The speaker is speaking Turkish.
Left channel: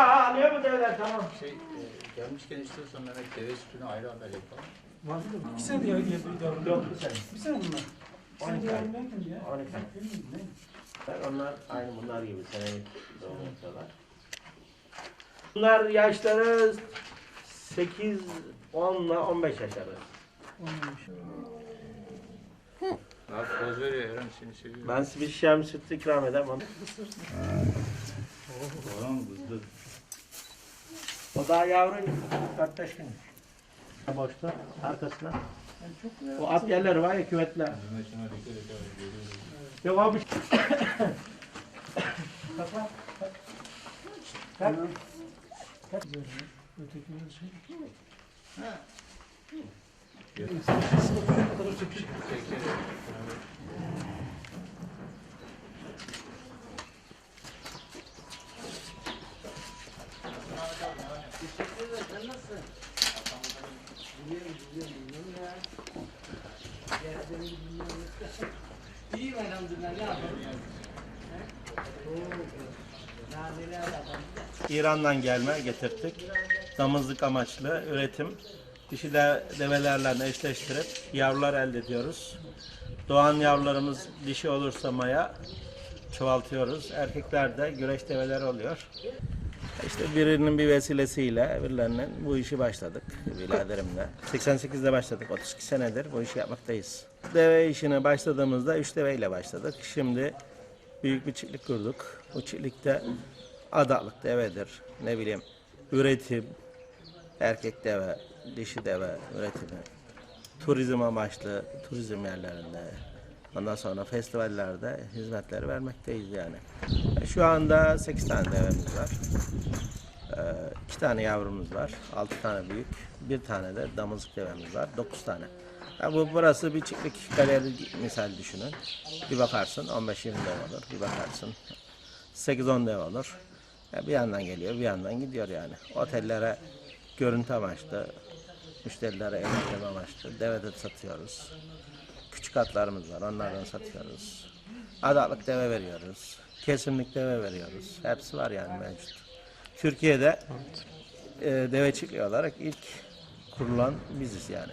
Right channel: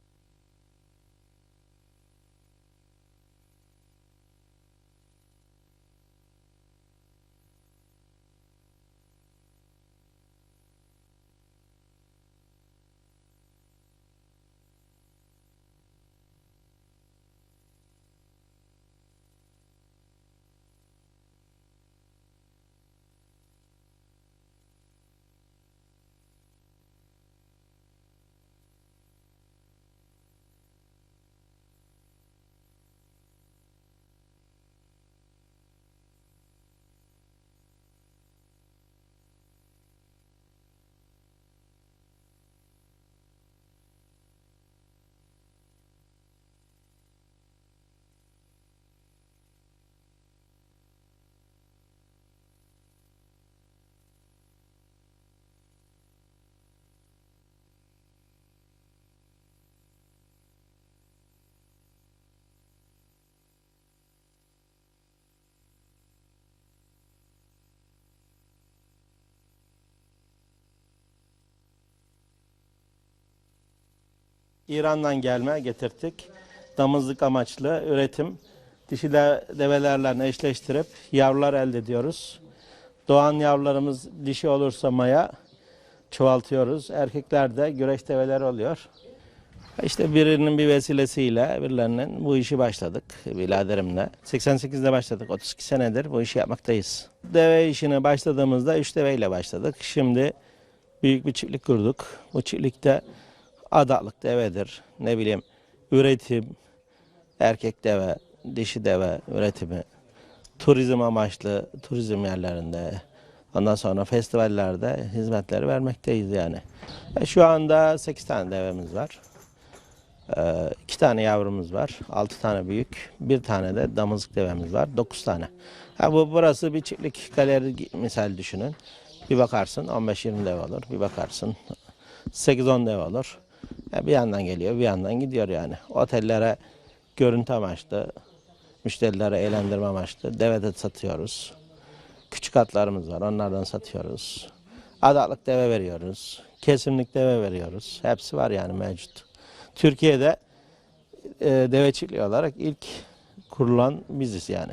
Alıyor mu devlet? Tamam. Şey, e, gelmişken istiyorsan Mehmet deve sütünü ayrı haber yapalım. İki sene diye diye yavrum. Yok bir sene. Bir sene bunlar. Bir sene 12 diye ya. 12 ay. Onlar aynı bunlar gibi seneyi doğum yapıyorlar. Bunlar yaşları 8, 10 ile 15 yaş arası. Olmamış. Abi poz veriyor Eren seni seviyor. Ben size bir şişem süt ikram edeyim onu. Oğlan kızdı. O daha yavru 4-5 gün. Boşta arkasına. O at yerleri var ya küvetler. Yok abi. Kalk. Güzel ya. Ötekiler şey. Gel. İyiyim elhamdülillah ne yapalım? İran'dan gelme getirttik. Damızlık amaçlı üretim. Dişi de develerle eşleştirip yavrular elde ediyoruz. Doğan yavrularımız dişi olursa maya çoğaltıyoruz. Erkekler de güreş develer oluyor. İşte birinin bir vesilesiyle birilerinin bu işi başladık biraderimle. 88'de başladık. 32 senedir bu işi yapmaktayız. Deve işine başladığımızda 3 deveyle başladık. Şimdi büyük bir çiftlik kurduk. Bu çiftlikte adalık devedir. Ne bileyim üretim, erkek deve, dişi deve üretimi, turizm amaçlı turizm yerlerinde, ondan sonra festivallerde hizmetleri vermekteyiz yani. E, şu anda 8 tane devemiz var. Ee, iki tane yavrumuz var. Altı tane büyük. Bir tane de damızlık devemiz var. Dokuz tane. Ha, bu burası bir çiftlik galeri misal düşünün. Bir bakarsın 15-20 dev olur. Bir bakarsın 8-10 dev olur. Ya bir yandan geliyor, bir yandan gidiyor yani. Otellere görüntü amaçlı, müşterilere eğlendirme amaçlı deve de satıyoruz. Küçük atlarımız var, onlardan satıyoruz. Adalık deve veriyoruz. Kesimlik deve veriyoruz. Hepsi var yani mevcut. Türkiye'de e, deve çiftliği olarak ilk kurulan biziz yani.